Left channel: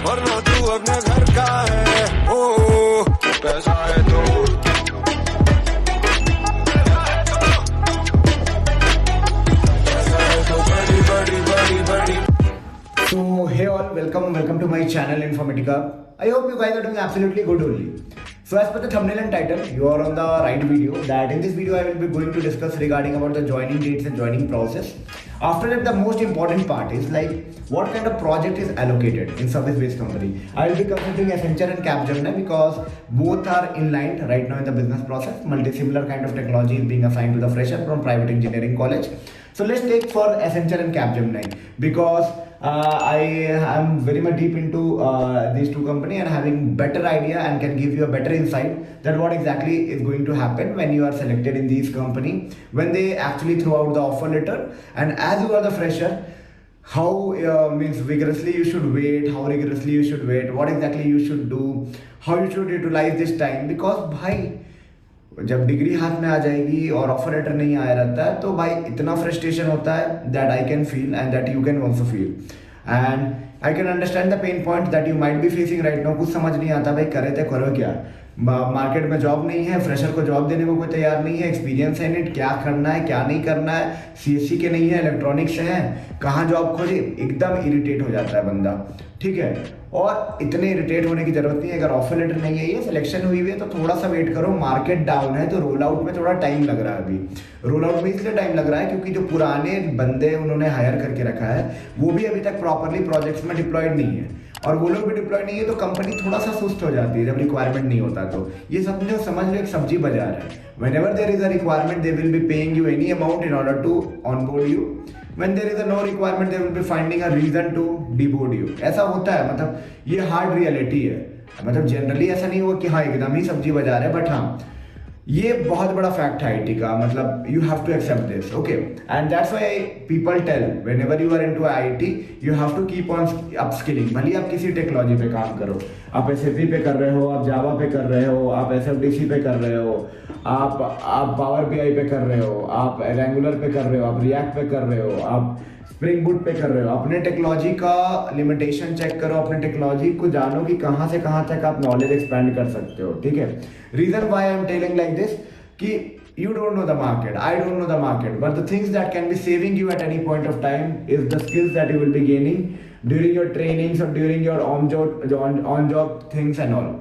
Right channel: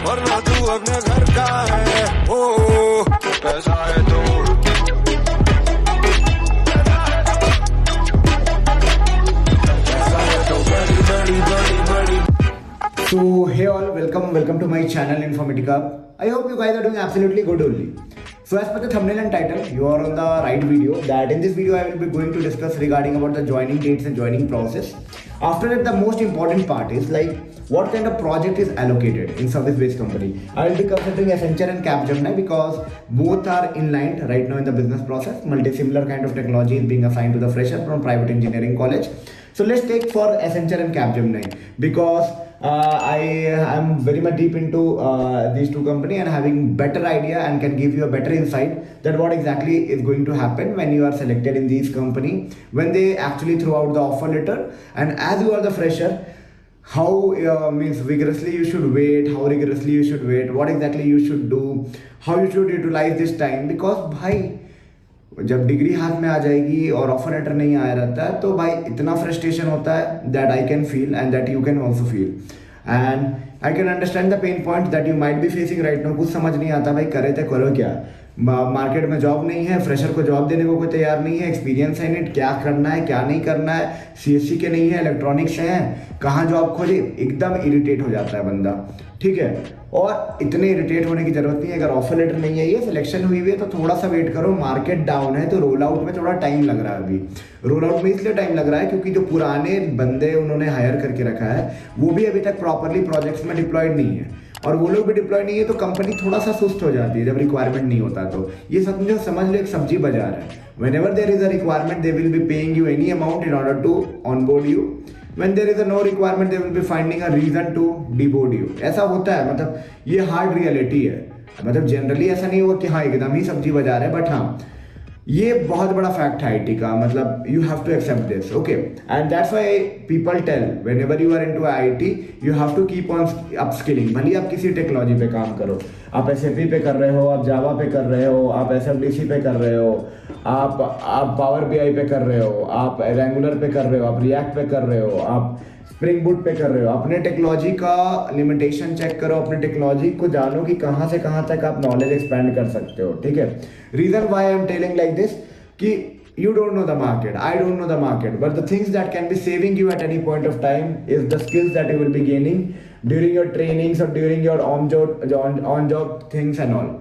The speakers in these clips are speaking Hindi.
वरना तू अपने घर का है। ओ पैसा है तो बड़ी बड़ी बड़ी। So hey all, welcome to my channel Informatica. I hope you guys are doing absolutely good only. So as per the thumbnail and title, you are on the right video. That in this video I will be going to discuss regarding about the joining dates and joining process. After that, the most important part is like what kind of project is allocated in service-based company. I will be considering Accenture and Capgemini because both are in line right now in the business process. Multi-similar kind of technology is being assigned to the fresher from private engineering college. So let's take for Accenture and Capgemini because I am very much deep into these two companies and having better idea and can give you a better insight that what exactly is going to happen when you are selected in these company, when they actually throw out the offer letter, and as you are the fresher, how means vigorously you should wait, how rigorously you should wait, what exactly you should do, how you should utilize this time. Because भाई जब डिग्री हाथ में आ जाएगी और ऑफर लेटर नहीं आया रहता है तो भाई इतना फ्रस्ट्रेशन होता है that I can feel and that you can also feel and I can understand the pain point that you might be facing right now. कुछ समझ नहीं आता भाई करे तो करो क्या, मार्केट में जॉब नहीं है, फ्रेशर को जॉब देने को कोई तैयार नहीं है, एक्सपीरियंस है नहीं, क्या करना है क्या नहीं करना है, सीएससी के नहीं है, इलेक्ट्रॉनिक्स से है, कहाँ जॉब खोजे, एकदम इरिटेट हो जाता है बंदा। ठीक है, और इतने इरिटेट होने की जरूरत नहीं है। अगर ऑफर लेटर नहीं है, ये सिलेक्शन हुई है तो थोड़ा सा वेट करो। मार्केट डाउन है तो रोल आउट में थोड़ा टाइम लग रहा है। अभी रोल आउट में इसलिए टाइम लग रहा है क्योंकि जो पुराने बंदे उन्होंने हायर करके रखा है वो भी अभी तक प्रॉपरली प्रोजेक्ट्स में डिप्लॉयड नहीं है, और वो लोग भी डिप्लॉय नहीं है तो कंपनी थोड़ा सा सुस्त हो जाती है जब रिक्वायरमेंट नहीं होता। तो ये समझ लो एक सब्जी बाजार है। Whenever there is a requirement, they will be paying you any amount in order to onboard you. When there is a no requirement, they will be finding a reason to deboard you. ऐसा होता है, मतलब ये हार्ड रियलिटी है। मतलब जनरली ऐसा नहीं हुआ कि हाँ एकदम ही सब्जी बाजार है, बट हाँ ये बहुत बड़ा फैक्ट है आईटी का। मतलब you have to accept this, okay, and that's why people tell whenever you are into IT you have to keep on upskilling. भले आप किसी टेक्नोलॉजी पे काम करो, आप एसएपी पे कर रहे हो, आप जावा पे कर रहे हो, आप एसएफडीसी पे कर रहे हो, आप पावर बीआई पे कर रहे हो, आप रेंगुलर पे कर रहे हो, आप रिएक्ट पे कर रहे हो, आप स्प्रिंग बूट पे कर रहे हो। अपने टेक्नोलॉजी का लिमिटेशन चेक करो, अपने टेक्नोलॉजी को जानो कि कहाँ से कहाँ तक आप नॉलेज एक्सपैंड कर सकते हो। ठीक है, reason why I am telling like this कि you don't know the market, I don't know the market, but the things that can be saving you at any point of time is the skills that you will be gaining during your trainings or during your on job things and all.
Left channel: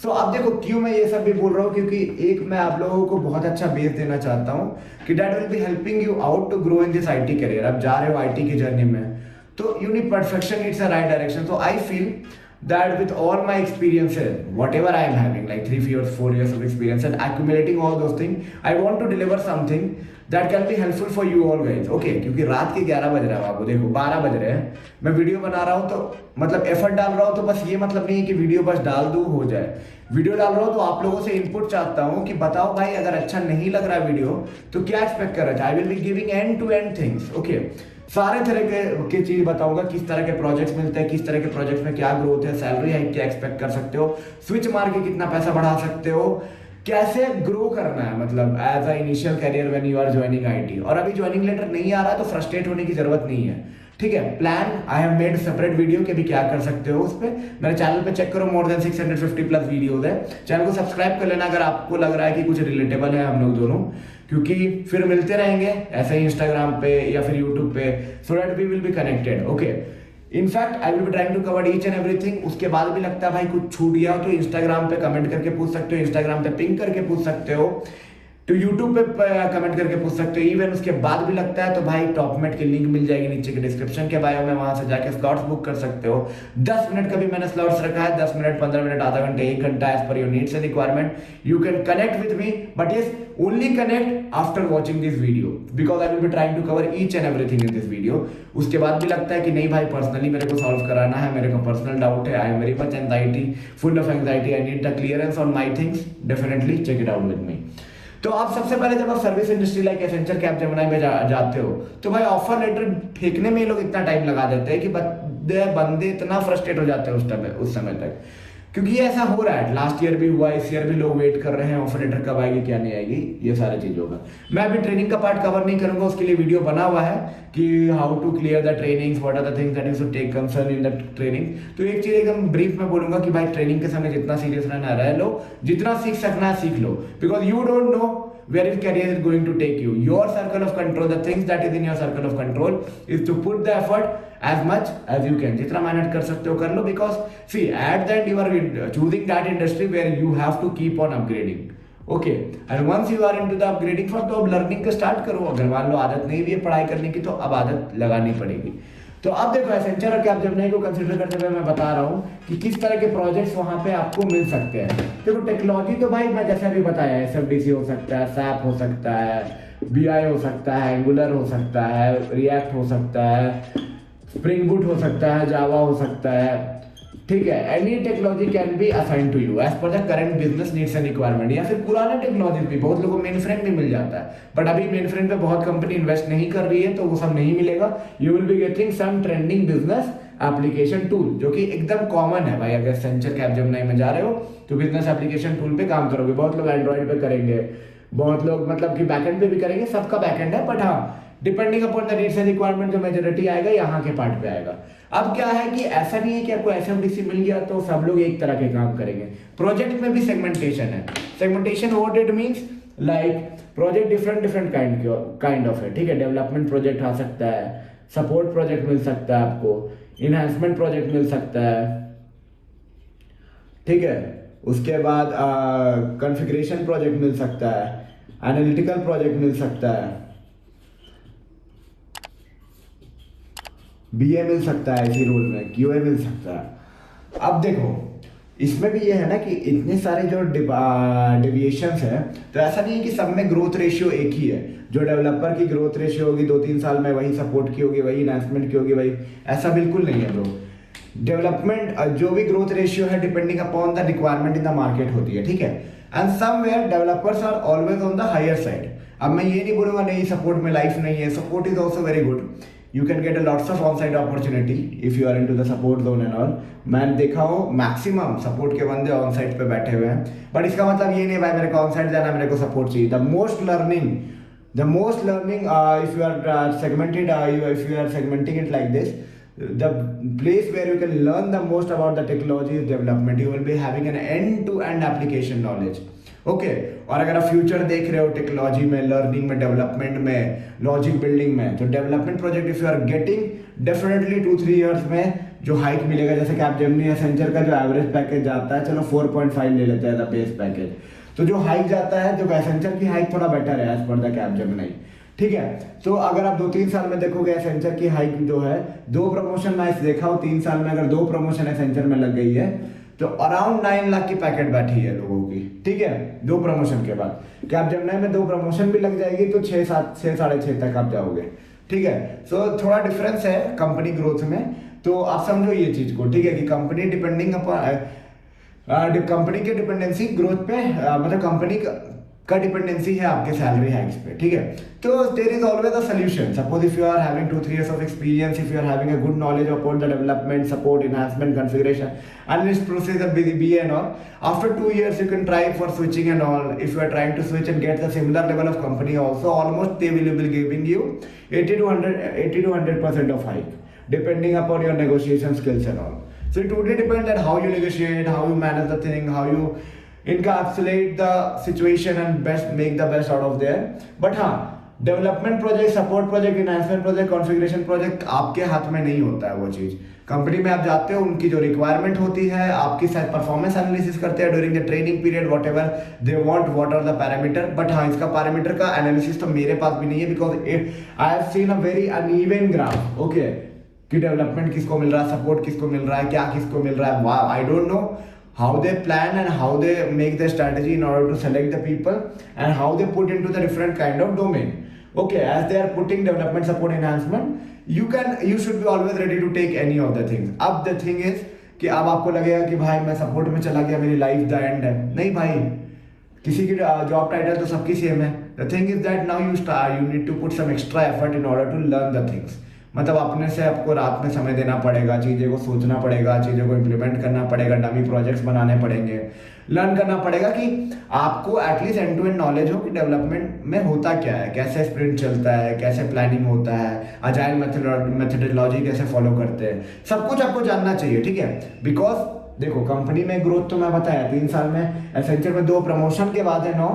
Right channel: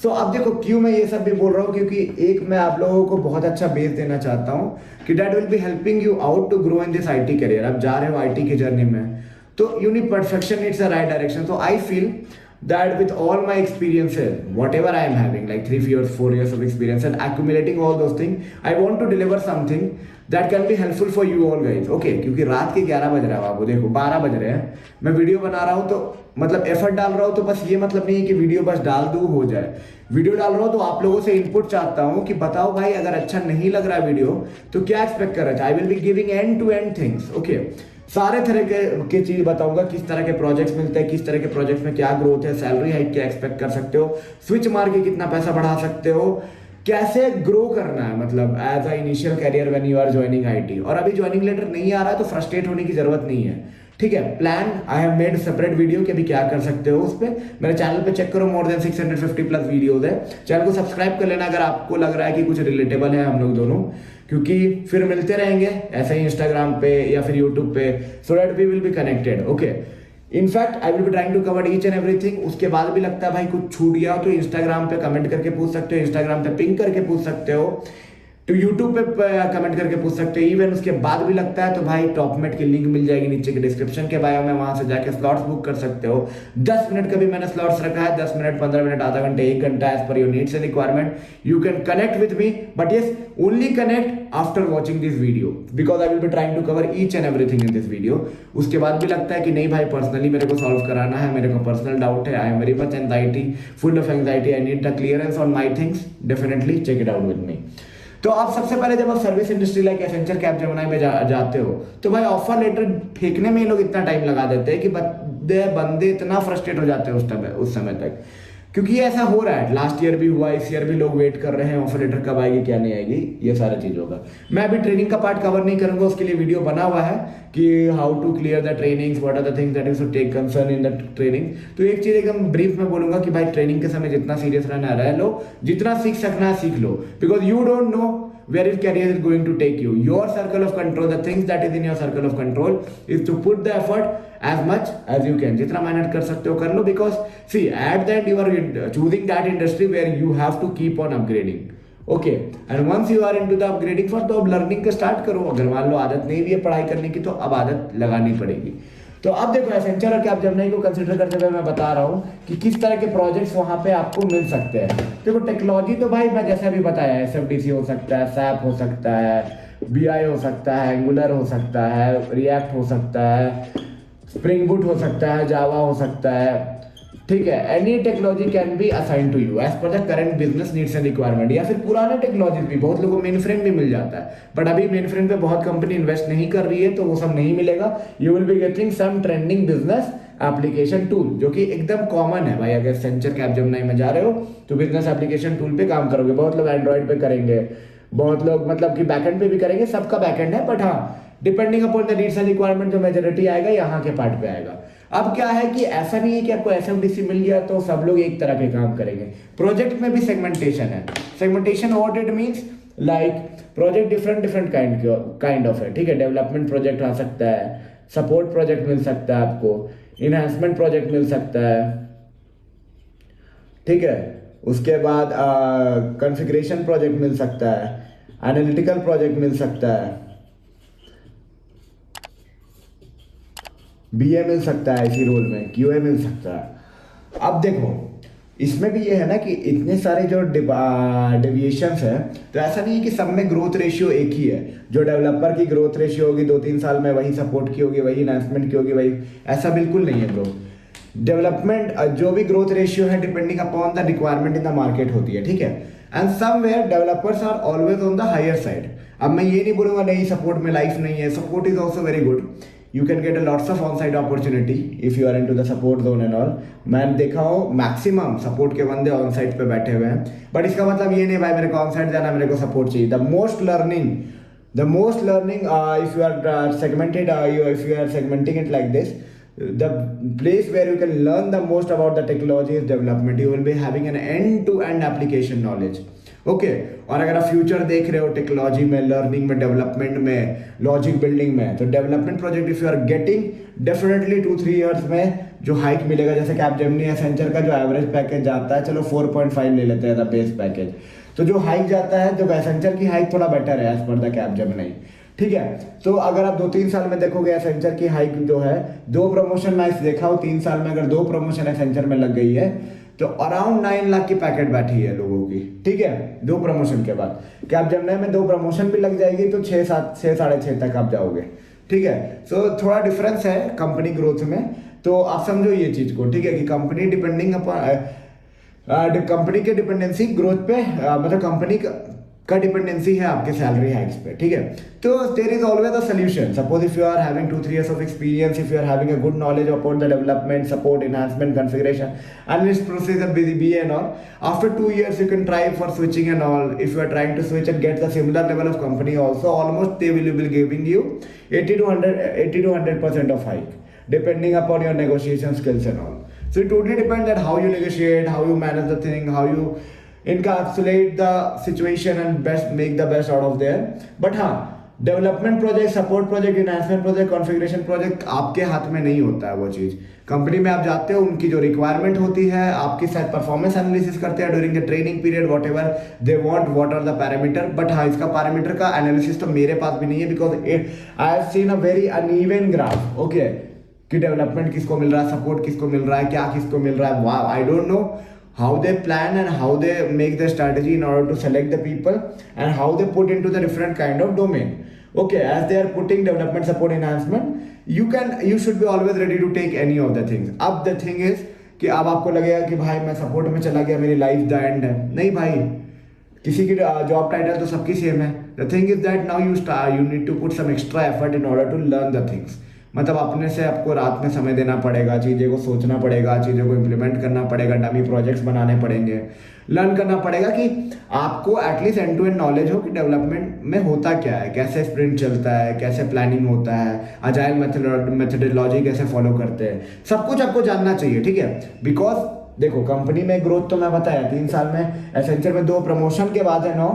So अब देखो क्यों मैं ये सब भी बोल रहा हूँ, क्योंकि एक मैं आप लोगों को बहुत अच्छा बेस देना चाहता हूँ कि that will be helping you out to grow in this IT career। अब जा रहे हो IT की जर्नी में तो you need perfection, it's the right direction. So I feel that with all my experiences, whatever I am having, like 3 years, 4 years of experience and accumulating all those things, I want to deliver something that can be helpful for you all guys, okay? क्योंकि रात के 11 बज रहा है, आपको देखो 12 बज रहे हैं, मैं वीडियो बना रहा हूँ तो मतलब एफर्ट डाल रहा हूँ, तो बस ये मतलब नहीं है कि वीडियो बस डाल दूँ हो जाए। वीडियो डाल रहा हूँ तो आप लोगों से इनपुट चाहता हूँ कि बताओ भाई अगर अच्छा नहीं लग रहा है वीडियो तो क्या एक्सपेक्ट कर रहे थे। I will be giving end to end things, okay, सारे तरह के चीज बताऊंगा, किस तरह के प्रोजेक्ट्स मिलते हैं, किस तरह के प्रोजेक्ट्स में क्या ग्रोथ है, सैलरी हाइक क्या एक्सपेक्ट कर सकते हो, स्विच मार के कितना पैसा बढ़ा सकते हो, कैसे ग्रो करना है मतलब as a initial career when you are joining IT. और अभी ज्वाइनिंग लेटर नहीं आ रहा है तो फ्रस्ट्रेट होने की जरूरत नहीं है। ठीक है, plan I have made separate video कि अभी क्या कर सकते हो उस पे मेरे चैनल पे चेक करो, मोर देन 650 प्लस वीडियोस है। चैनल को सब्सक्राइब कर लेना अगर आपको लग रहा है कि कुछ रिलेटेबल है हम लोग दोनों, क्योंकि फिर मिलते रहेंगे ऐसे ही इंस्टाग्राम पे या फिर यूट्यूब पे, so that we will be connected, okay. In fact I will be trying to cover each and everything. उसके बाद भी लगता है भाई कुछ छूट गया हो तो इंस्टाग्राम पे कमेंट करके पूछ सकते हो, इंस्टाग्राम पे पिंग करके पूछ सकते हो, तो यूट्यूब पे कमेंट करके पूछ सकते हो। इवन उसके बाद भी लगता है तो भाई टॉपमेट की लिंक मिल जाएगी नीचे के डिस्क्रिप्शन के बायो में, वहां से जाके स्लॉट्स बुक कर सकते हो। 10 मिनट का भी मैंने स्लॉट्स रखा है, 10 मिनट, 15 मिनट, आधा घंटे, 1 घंटा, as per your needs and requirement. You can connect with me, but yes only connect after watching this video because I will be trying to cover each and everything in this video. उसके बाद भी लगता है कि नहीं भाई पर्सनली मेरे को सॉल्व कराना है, मेरे को पर्सनल डाउट है, I am very much anxiety, full of anxiety, I need the clearance on my things, definitely check it out with me. तो आप सबसे पहले जब आप service industry like Accenture, Capgemini में जाते हो तो भाई ऑफर लेटर फेंकने में ये लोग इतना टाइम लगा देते हैं कि बंदे इतना फ्रस्ट्रेट हो जाते हैं उस समय तक क्योंकि ये ऐसा हो रहा है, लास्ट ईयर भी हुआ, इस ईयर भी लोग वेट कर रहे हैं ऑफर लेटर कब आएगी क्या नहीं आएगी, ये सारा चीज होगा। मैं अभी ट्रेनिंग का पार्ट कवर नहीं करूंगा, उसके लिए वीडियो बना हुआ है कि how to clear the trainings, what are the things that you should take concern in the training. तो एक चीज एकदम ब्रीफ में बोलूंगा कि भाई ट्रेनिंग के समय जितना सीरियस रहना रह लो, जितना सीख सकना है सीख लो, because you don't know where your career is going to take you. Your circle of control, the things that is in your circle of control is to put the effort as much as you can. जितना मेहनत कर सकते हो कर लो, because see at the end you are choosing that industry where you have to keep on upgrading. Okay, and once you are into the upgrading for, तो अब लर्निंग का स्टार्ट करो। अगर मान लो आदत नहीं भी है पढ़ाई करने की, तो अब आदत लगानी पड़ेगी। तो अब देखो एसेंचर और कैपजेमिनी को कंसीडर करते हुए मैं बता रहा हूँ कि किस तरह के प्रोजेक्ट्स वहां पे आपको मिल सकते हैं। देखो टेक्नोलॉजी तो भाई मैं जैसे अभी बताया, एसएफडीसी हो सकता है, सैप हो सकता है, बीआई हो सकता है, एंगुलर हो सकता है, रिएक्ट हो सकता है, स्प्रिंग बूट हो सकता है, जावा हो सकता है, ठीक है। Any technology can be assign to you as per the current business needs and requirement. या फिर पुराना टेक्नोलॉजी भी, बहुत लोगों को मेन फ्रेम भी मिल जाता है, बट अभी मेन फ्रेम पे बहुत कंपनी इन्वेस्ट नहीं कर रही है, तो वो सब नहीं मिलेगा। You will be getting some trending business application tool, जो कि एकदम कॉमन है भाई। अगर एसेंचर कैपजेमिनी में जा रहे हो तो बिजनेस एप्लीकेशन टूल पे काम करोगे। बहुत लोग एंड्रॉइड पे करेंगे, बहुत लोग मतलब कि बैकएंड पे भी करेंगे, सबका बैकएंड है, बट हाँ depending upon the needs and requirement जो मेजॉरिटी आएगा यहाँ के पार्ट पे आएगा। अब क्या है कि ऐसा नहीं है कि आपको एसएफडीसी मिल गया तो सब लोग एक तरह के काम करेंगे। प्रोजेक्ट में भी सेगमेंटेशन है। Segmentation what it means, like project different kind of है, ठीक है। डेवलपमेंट प्रोजेक्ट आ सकता है, सपोर्ट प्रोजेक्ट मिल सकता है आपको, इनहांसमेंट प्रोजेक्ट मिल सकता है, ठीक है। उसके बाद कॉन्फ़िगरेशन प्रोजेक्ट मिल सकता है, एनालिटिकल प्रोजेक्ट मिल सकता है, बीए मिल सकता है इसी रोल में, क्यूए मिल सकता है। अब देखो इसमें भी ये है ना कि इतने सारे जो डेविएशंस हैं, तो ऐसा नहीं है कि सब में ग्रोथ रेशियो एक ही है। जो डेवलपर की ग्रोथ रेशियो होगी 2-3 साल में, वही सपोर्ट की होगी, वही एनहांसमेंट की होगी, वही, ऐसा बिल्कुल नहीं है ब्रो। डेवलपमेंट जो भी ग्रोथ रेशियो है depending upon the requirement in the market होती है, ठीक है। And somewhere developers are always on the higher side. अब मैं ये नहीं बोलूंगा नहीं सपोर्ट में लाइफ नहीं है, support is also very good. You can get a lots of on-site opportunity if you are into the support zone and all. मैं देखा हूँ मैक्सिमम सपोर्ट के बंदे ऑन साइट पे बैठे हुए हैं, बट इसका मतलब ये नहीं भाई मेरे को ऑन साइट जाना, मेरे को सपोर्ट चाहिए। The most learning if you are segmented, if you are segmenting it like this, the place where you can learn the most about the technology is development. You will be having an end-to-end application knowledge. Okay और अगर आप फ्यूचर देख रहे हो टेक्नोलॉजी में, लर्निंग में, डेवलपमेंट में, लॉजिक बिल्डिंग में, तो development project if you are getting definitely 2-3 years में जो हाइक मिलेगा, जैसे कैपजेमिनी एसेंचर का जो एवरेज पैकेज जाता है, चलो 4.5 ले लेते हैं द बेस पैकेज, तो जो हाइक जाता है, जो एसेंचर की हाइक थोड़ा बेटर है एज पर द कैपजेमिनी, ठीक है। तो अगर आप 2-3 साल में देखोगे एसेंचर की हाइक जो है, 2 प्रमोशन मैं देखा हूँ 3 साल में, अगर 2 प्रमोशन एसेंचर में लग गई है तो अराउंड 9 लाख की पैकेट बैठी है लोगों की, ठीक है। 2 प्रमोशन के बाद कैपजेमिनी में 2 प्रमोशन भी लग जाएगी तो 6-6.5 तक आप जाओगे, ठीक है। सो थोड़ा डिफरेंस है कंपनी ग्रोथ में, तो आप समझो ये चीज को, ठीक है, कि कंपनी डिपेंडिंग अपॉन कंपनी के डिपेंडेंसी ग्रोथ पे, मतलब कंपनी का डिपेंडेंसी है आपके सैलरी हाइक्स पे, ठीक है। तो there is always a solution. Suppose if you are having 2-3 years of experience, if you are having a good knowledge about the development, support, enhancement, configuration, analyst procedure, BA and all, after 2 years you can try for switching and all. If you are trying to switch and get the similar level of company also, almost they will be giving you 80 to 100% of hike, depending upon your negotiation skills and all. So it totally depends on how you negotiate, how you manage the thing, how you encapsulate the situation and make the best out of there. But हाँ, development project, support project, enhancement project, configuration project आपके हाथ में नहीं होता है वो चीज़। कंपनी में आप जाते हो, उनकी जो रिक्वायरमेंट होती है, आपकी शायद परफॉर्मेंस एनालिसिस करते हैं during the training period, whatever they want, what are the parameter. But हाँ, इसका पैरामीटर का एनालिसिस तो मेरे पास भी नहीं है, because I have seen a very uneven graph, okay, कि डेवलपमेंट किसको मिल रहा है, सपोर्ट किसको मिल रहा है, क्या किसको मिल रहा है। वाह, I don't know how they plan and how they make their strategy in order to select the people and how they put into the different kind of domain. Okay, as they are putting development, support, enhancement, you should be always ready to take any of the things. अब the thing is कि अब आपको लगेगा कि भाई मैं सपोर्ट में चला गया, मेरी लाइफ द एंड है। नहीं भाई, किसी की जॉब टाइटल तो सबकी सेम है। The thing is that now you need to put some extra effort in order to learn the things. मतलब अपने से आपको रात में समय देना पड़ेगा, चीज़ें को सोचना पड़ेगा, चीज़ों को इम्प्लीमेंट करना पड़ेगा, डमी प्रोजेक्ट्स बनाने पड़ेंगे, लर्न करना पड़ेगा कि आपको at least end to end knowledge हो कि डेवलपमेंट में होता क्या है, कैसे स्प्रिंट चलता है, कैसे प्लानिंग होता है, अजाइल मेथडोलॉजी कैसे फॉलो करते हैं, सब कुछ आपको जानना चाहिए, ठीक है। बिकॉज देखो कंपनी में ग्रोथ तो मैं बताया 3 साल में एसेंचर में 2 प्रमोशन के बाद है 9,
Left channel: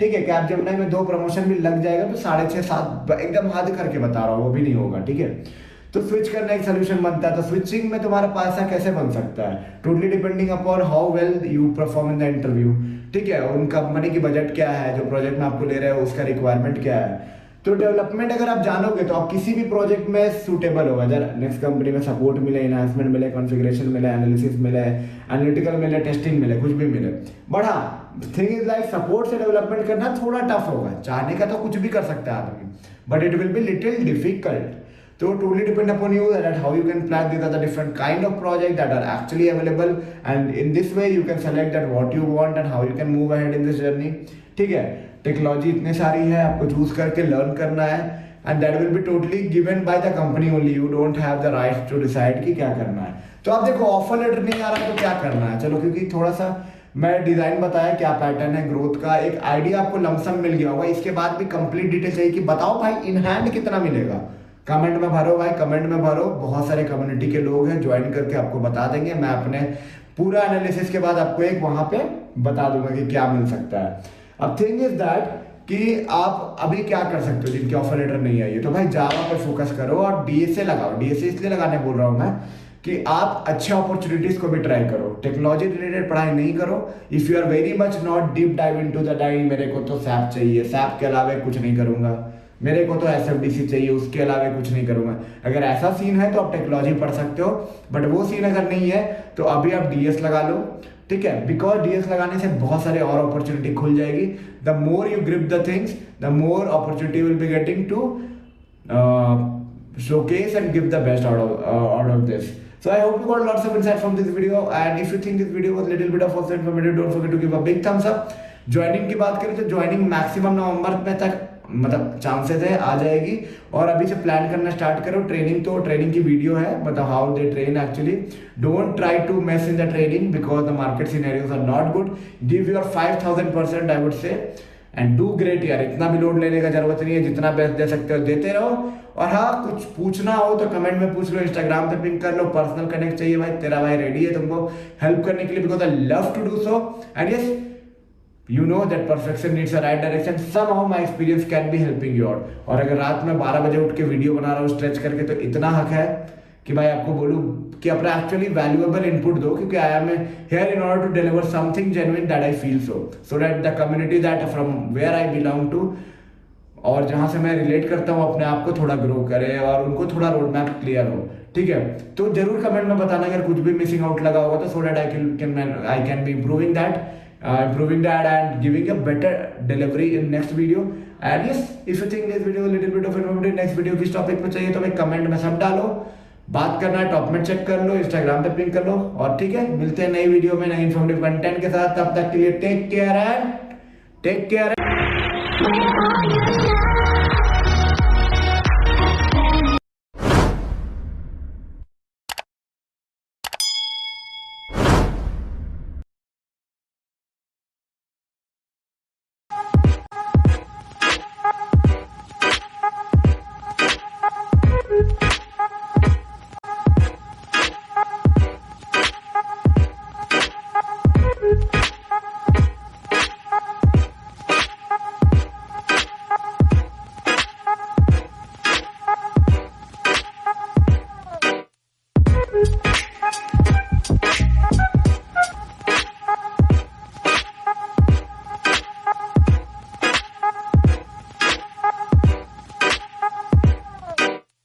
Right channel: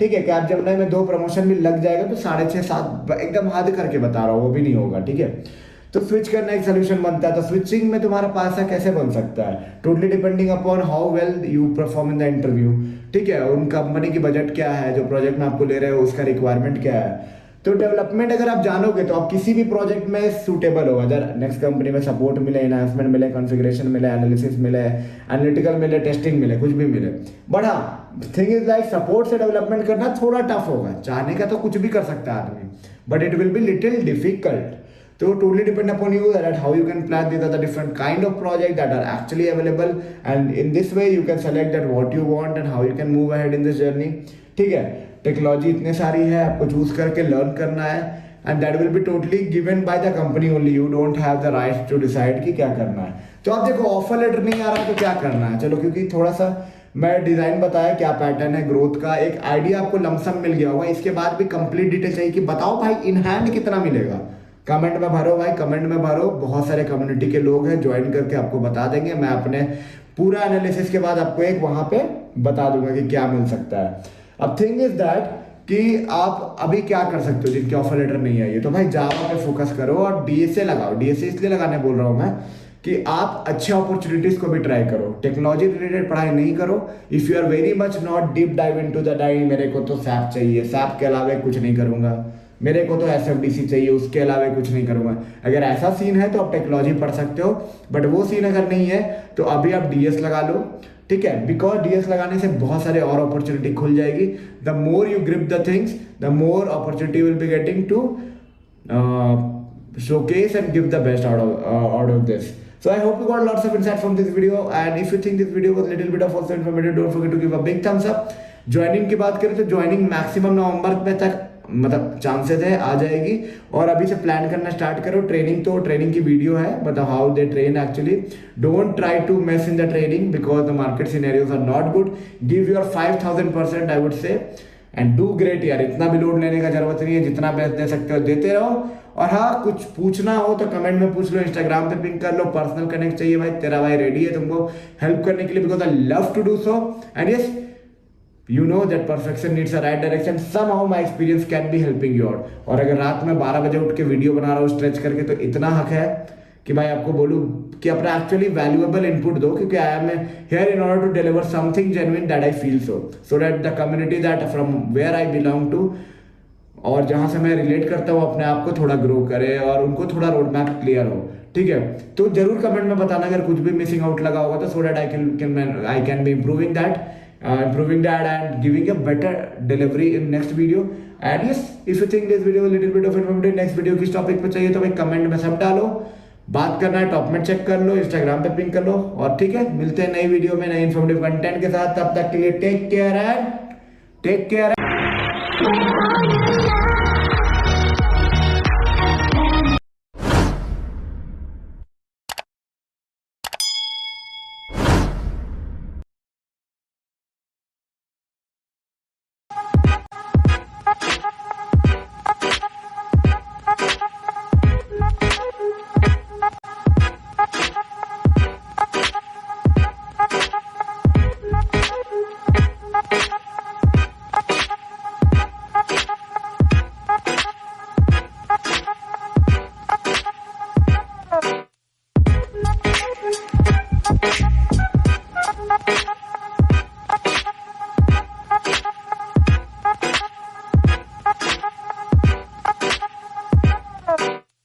ठीक है, कि आप जब में 2 प्रमोशन भी लग जाएगा तो 6.5-7 एकदम हद करके बता रहा हूँ, वो भी नहीं होगा, ठीक है। तो स्विच करना एक सोल्यूशन बनता है। तो स्विचिंग में तुम्हारा पैसा कैसे बन सकता है, totally depending upon how well you perform in the interview, ठीक है। उन कंपनी की बजट क्या है, जो प्रोजेक्ट में आपको ले रहे हो उसका रिक्वायरमेंट क्या है। तो डेवलपमेंट अगर आप जानोगे तो आप किसी भी प्रोजेक्ट में सूटेबल हो, अगर नेक्स्ट कंपनी में सपोर्ट मिले, एनहांसमेंट मिले, कॉन्फ़िगरेशन मिले, एनालिसिस मिले, एनालिटिकल मिले, टेस्टिंग मिले, कुछ भी मिले। बट हाँ थिंग इज लाइक सपोर्ट से डेवलपमेंट करना थोड़ा टफ होगा। चाहने का तो कुछ भी कर सकता है आदमी, but it will be little difficult. So totally depend upon you that how you can plan. These are the different kind of projects that are actually available, and in this way you can select that what you want and how you can move ahead in this journey. ठीक है, टेक्नोलॉजी इतनी सारी है, आपको चूज करके लर्न करना है, and that will be totally given by the company only. You don't have the right to decide कि क्या करना है। तो आप देखो ऑफर लेटर नहीं आ रहा तो क्या करना है, चलो क्योंकि थोड़ा सा मैं डिजाइन बताया क्या पैटर्न है ग्रोथ का, एक आइडिया आपको लमसम मिल गया होगा। इसके बाद भी कंप्लीट डिटेल चाहिए कि बताओ भाई इन हैंड कितना मिलेगा, कमेंट में भरो भाई, कमेंट में भरो। बहुत सारे कम्युनिटी के लोग हैं, ज्वाइन करके आपको बता देंगे। मैं अपने पूरा एनालिसिस के बाद आपको एक वहां पे बता दूंगा कि क्या मिल सकता है। अब थिंग इज दैट कि आप अभी क्या कर सकते हो जिनके ऑफर लेटर नहीं आई है, तो भाई जावा पे फोकस करो और डीएसए लगाओ। डीएसए इसलिए लगाने बोल रहा हूँ मैं कि आप अच्छे अपॉर्चुनिटीज को भी ट्राई करो, टेक्नोलॉजी रिलेटेड पढ़ाई नहीं करो। If you are very much not deep dive into that, मेरे को तो सैप चाहिए, सैप के अलावा कुछ नहीं करूंगा, मेरे को तो एसएफडीसी चाहिए, उसके अलावा कुछ नहीं करूंगा। अगर ऐसा सीन है तो आप टेक्नोलॉजी पढ़ सकते हो, बट वो सीन अगर नहीं है तो अभी आप डीएस लगा लो, ठीक है। बिकॉज डीएस लगाने से बहुत सारे और अपॉर्चुनिटी खुल जाएगी। The more you grip the things, the more opportunity will be getting to showcase and give the best out of this. So I hope you got lots of insight from this video, and if you think this video was little bit of also informative, don't forget to give a big thumbs up. Joining की बात करें तो ज्वाइनिंग मैक्सिमम नवंबर में तक मतलब चांसेस है आ जाएगी, और अभी से प्लान करना स्टार्ट करो। ट्रेनिंग तो ट्रेनिंग की वीडियो है, मतलब how they train actually. Don't try to mess in the training because the market scenarios are not good. Give your 5000% I would say, and do great यार। इतना भी लोड लेने का जरूरत नहीं है, जितना बेस्ट दे सकते हो देते रहो। और हाँ, कुछ पूछना हो तो कमेंट में पूछ लो, इंस्टाग्राम पे पिंक कर लो, पर्सनल कनेक्ट चाहिए भाई, तेरा भाई रेडी है तुमको हेल्प करने के लिए, because I love to do so. And yes, you know that perfection needs a right direction. Somehow my experience can be helping you out. और अगर रात में 12 बजे उठ के वीडियो बना रहा हूँ स्ट्रेच करके, तो इतना हक है कि भाई आपको बोलूँ कि अपना एक्चुअली वैल्यूएबल इनपुट दो, क्योंकि I am here in order to deliver something genuine that I feel so that the community that from where I belong to, और जहां से मैं रिलेट करता हूँ, अपने आप को थोड़ा ग्रो करे और उनको थोड़ा रोड मैप क्लियर हो, ठीक है। तो जरूर कमेंट में बताना अगर कुछ भी मिसिंग आउट लगा होगा तो, so that I can be improving that and giving a better delivery in next video. And yes, if you think this video a little bit of informative, next video किस टॉपिक पे चाहिए तो भाई कमेंट में सब डालो। बात करना है टॉप में चेक कर लो, इंस्टाग्राम पे पिंक कर लो, और ठीक है, मिलते हैं नई वीडियो में नई इन्फॉर्मेटिव कंटेंट के साथ। तब तक के लिए टेक केयर एंड